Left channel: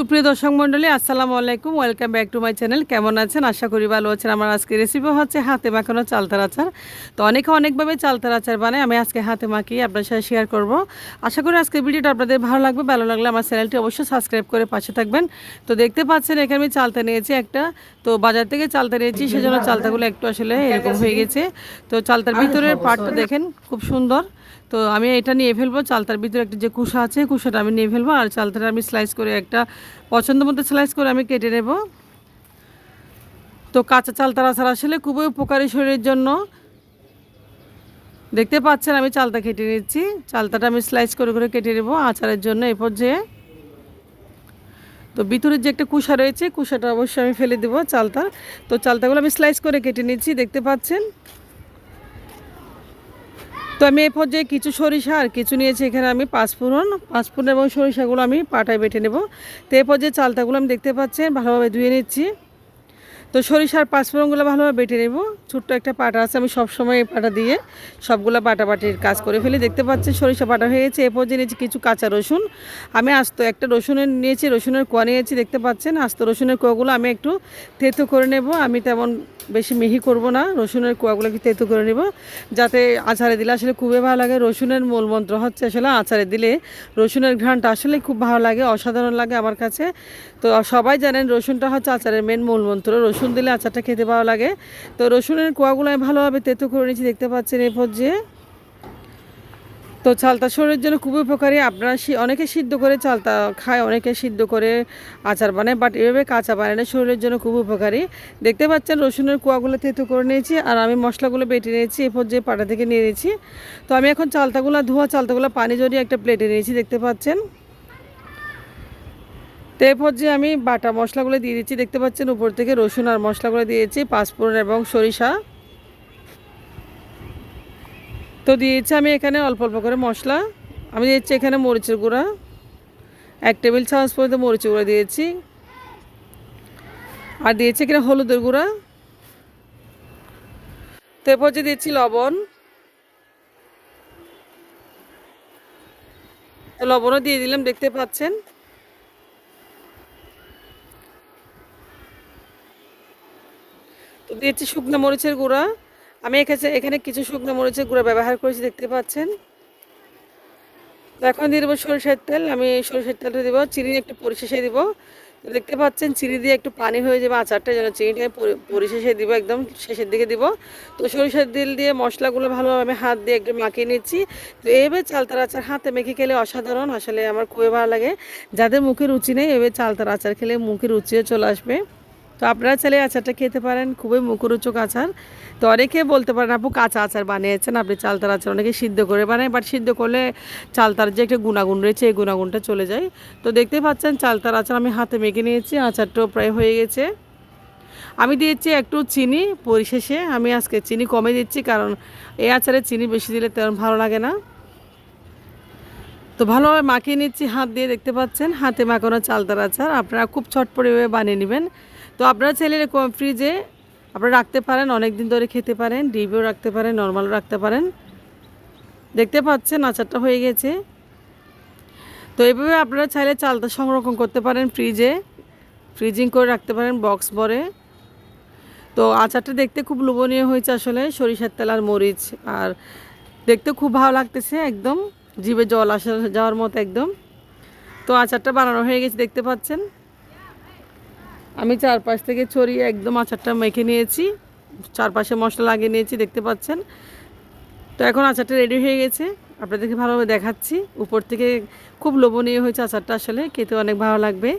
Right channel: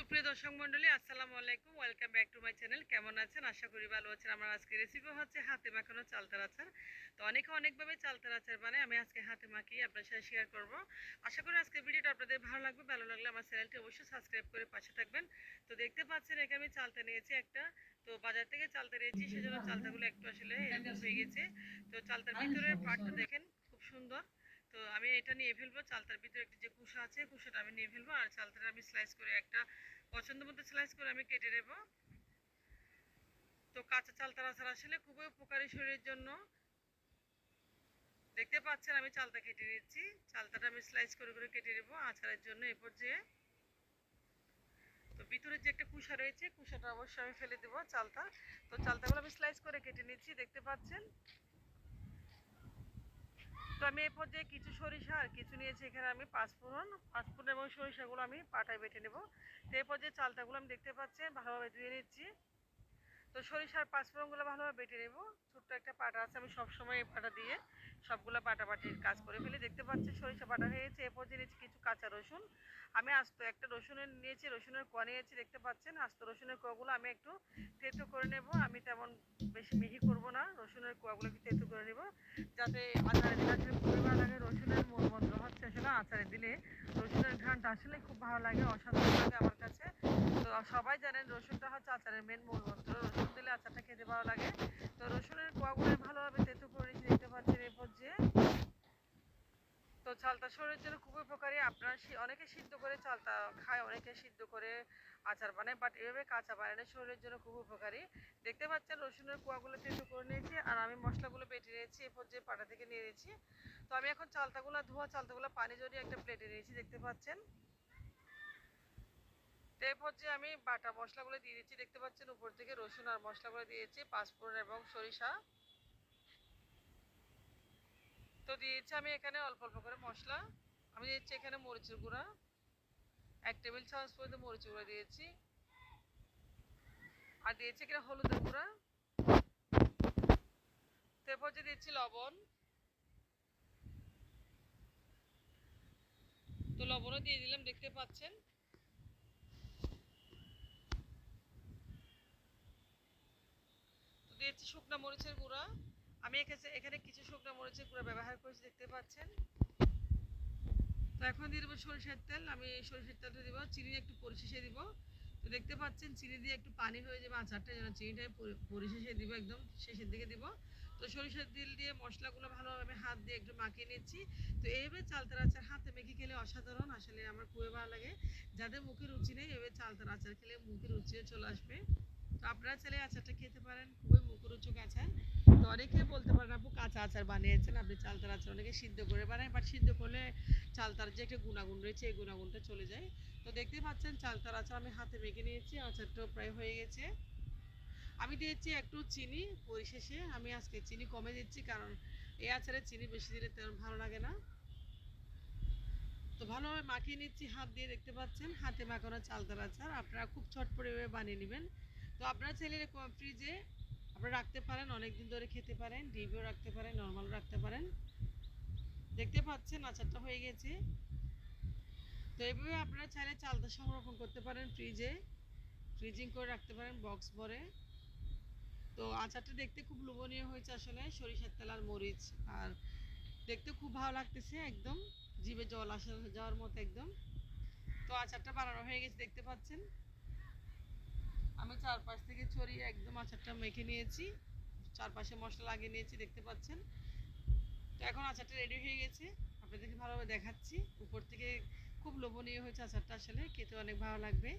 সুপ্রিয় দর্শক মণ্ডলী, আসসালামু আলাইকুম। Welcome back to my channel কেমন আছেন? আশা করি ভালো আছেন। আমার আজকে রেসিপি হচ্ছে হাতে মাখানো চালতার আচার। তো অনেকে অনেকভাবে চালতার আচার বানায়, আমি আজকে হাতে মাখিয়ে আপনার সাথে শেয়ার করব। আশা করি আজকে ভিডিওটা আপনাদের ভালো লাগবে। ভালো লাগলে আমার চ্যানেলটি অবশ্যই সাবস্ক্রাইব করে পাশে থাকবেন। তো দেখতে পাচ্ছেন, এখানে আমি চালতা নিয়েছি একটা। তো বাজার থেকে চালতা নিয়েছি, সেজন্য চালতাগুলো একটু আসলে এরকম হয়ে গেছে। তো চালতার ভিতরের পার্টটা দেখেন, খুব সুন্দর। তো আমি এটা নিয়ে ফেলব, চালতার ভিতরে একটা যে কুসা আছে কুসাটা আমি নিয়ে ফেলব আর চালতাটা আমি স্লাইস করে একটা পছন্দ মতো স্লাইস করে আমি কেটে নেব। তো কাঁচা চালতার আচার আসলে খুবই উপকারী শরীরের জন্য। দেখতে পাচ্ছেন আমি চালতা কেটে নিচ্ছি, চালতাটা আমি স্লাইস করে করে কেটে নেব আচারের জন্য এ পর্যায়ে। তো ভিতরের যে একটা কুসা রয়েছে, কুসাটা অবশ্যই আমি ফেলে দেবো চালতা তো চালতাগুলো আমি স্লাইস করে কেটে নিচ্ছি, দেখতে পাচ্ছেন? তো আমি এরপর যে কিছু সরিষা আর কিছু নিয়েছি। এখানে আমি পাঁচফোড়ন পাঁচফোড়ন এবং সরিষাগুলো আমি পাটায় বেটে নেব। তো এরপর যে চালটাগুলো আমি দেখতে পাচ্ছেন, ভালোভাবে ধুয়ে নিচ্ছি। তো সরিষার পাঁচফোড়নগুলো ভালোভাবে বেটে নেব। ছোট্ট একটা পাটা আছে, আমি সবসময় এই পাটা দিয়ে সবগুলো বাটাবাটির কাজ করে ফেলি। দেখতে পাচ্ছেন সরিষা বাটা হয়ে গেছে এ পর্যায়ে নিয়েছি কিছু কাঁচা রসুন। আমি আস্ত একটা রসুনের নিয়েছি, রসুনের কোয়া নিয়েছি, দেখতে পাচ্ছেন? আস্ত রসুনের কোয়াগুলো আমি একটু থেতো করে নেব। আমি তেমন বেশি মিহি করব না, রসুনের কোয়াগুলোকে তেতো করে নেব। যাতে আচারে দিলে আসলে খুবই ভালো লাগে, রসুনের মূল মন্ত্র হচ্ছে আসলে আচারে দিলে রসুনের ঘ্রাণটা আসলে খুব ভালো লাগে, অসাধারণ লাগে আমার কাছে। তো সবাই জানেন রসুনটা হচ্ছে আচারের মেন মূল মন্ত্র রসুন দিলে আচারটা খেতে ভালো লাগে। তো রসুনের কোয়াগুলো আমি ভালোভাবে তেতো করে নিয়েছি, দেখতে পাচ্ছেন এই যে তো চালতা শরীরের জন্য খুবই উপকারী। আপনারা অনেকে সিদ্ধ করে চালতা খায়, অনেকে সিদ্ধ করে আচার বানায় বাট এভাবে কাঁচা বানানো শরীরের জন্য খুব উপকারী। দেখতে পাচ্ছেন রসুনের কোয়াগুলো তেতো করে নিয়েছি, আর আমি মশলাগুলো বেটে নিয়েছি এরপর যে পাটা থেকে নিয়ে নিয়েছি। তো আমি এখন চালতাগুলো, ধোয়া চালতাগুলো পানি জড়িয়ে একটা প্লেটে নিয়েছি, দেখতে পাচ্ছেন। তো এরপর যে আমি বাটা মশলাগুলো দিয়ে দিচ্ছি, দেখতে পাচ্ছেন উপর থেকে রসুন আর মশলাগুলো দিয়েছি, পাঁচফোড়ন এবং সরিষা। তো দিয়েছি আমি এখানে অল্প অল্প করে মশলা। আমি দিয়েছি এখানে মরিচের গুঁড়া, এক টেবিল চামচ পর্যন্ত মরিচের গুঁড়া দিয়েছি। আর দিয়েছি এখানে হলুদের গুঁড়া। তো এরপর যে দিয়েছি লবণ। লবণও দিয়ে দিলাম, দেখতে পাচ্ছেন। তো দিয়েছি শুকনো মরিচের গুঁড়া। আমি এখানে এখানে কিছু শুকনো মরিচের গুঁড়া ব্যবহার করেছি, দেখতে পাচ্ছেন। তো এখন দিয়ে দেবো সরিষার তেল। আমি সরিষার তেলটা দেবো, চিনি একটু পরিশেষে দিব। দেখতে পাচ্ছেন, চিনি দিয়ে একটু পানি হয়ে যাবে আচারটা, যেন চিনিটা পরি- পরিশেষে দিব, একদম শেষের দিকে দিব। তো সরিষার তেল দিয়ে মশলাগুলো ভালোভাবে আমি হাত দিয়ে একটু মাখিয়ে নিচ্ছি। তো এইভাবে চালতার আচার হাতে মেখে খেলে অসাধারণ, আসলে আমার খুবই ভালো লাগে। যাদের মুখে রুচি নেই, এভাবে চালতার আচার খেলে মুখে রুচিও চলে আসবে। তো আপনারা চাইলে আচারটা খেতে পারেন, খুবই মুখরোচক আচার। তো অনেকে বলতে পারেন, আপু, কাঁচা আচার বানিয়েছেন, আপনি চালতার আচার অনেকে সিদ্ধ করে বানায় বাট সিদ্ধ করলে চালতার যে একটা গুণাগুণ রয়েছে, এই গুণাগুণটা চলে যায়। তো দেখতে পাচ্ছেন, চালতার আচার আমি হাতে মেখে নিয়েছি, আচারটাও প্রায় হয়ে গেছে। আমি দিয়েছি একটু চিনি পরিশেষে, আমি আজকে চিনি কমে দিচ্ছি, কারণ এই আচারে চিনি বেশি দিলে তেমন ভালো লাগে না। তো ভালোভাবে মাখিয়ে নিচ্ছি, হাত দিয়ে দেখতে পাচ্ছেন, হাতে মাখানো চালতার আচার, আপনারা খুব চটপটিভাবে বানিয়ে নেবেন। তো আপনারা এরকম ফ্রিজে আপনারা রাখতে পারেন অনেক দিন ধরে খেতে পারেন ডিপেও রাখতে পারেন নর্মালও রাখতে পারেন। দেখতে পাচ্ছেন, আচারটা হয়ে গেছে। তো এইভাবে আপনারা চাইলে চালটা সংরক্ষণ করতে পারেন ফ্রিজে ফ্রিজিং করে রাখতে পারেন বক্স ভরে তো আচারটা দেখতে খুব লোভনীয় হয়েছে আসলে, সরিষার তেল আর মরিচ। আর দেখতে খুব ভালো লাগতেছে একদম, জিভে জল আসা যাওয়ার মতো একদম। তো আচারটা বানানো হয়ে গেছে, দেখতে পাচ্ছেন। আমি চারপাশ থেকে ছড়িয়ে একদম আচারটা মেখে নিয়েছি। চারপাশে মশলা লাগিয়ে নিয়েছি, দেখতে পাচ্ছেন। তো এখন আচারটা রেডি হয়ে গেছে। আপনাদেরকে ভালোভাবে দেখাচ্ছি। উপর থেকে খুব লোভনীয় হয়েছে আচারটা আসলে খেতে অনেক ভালো লাগবে।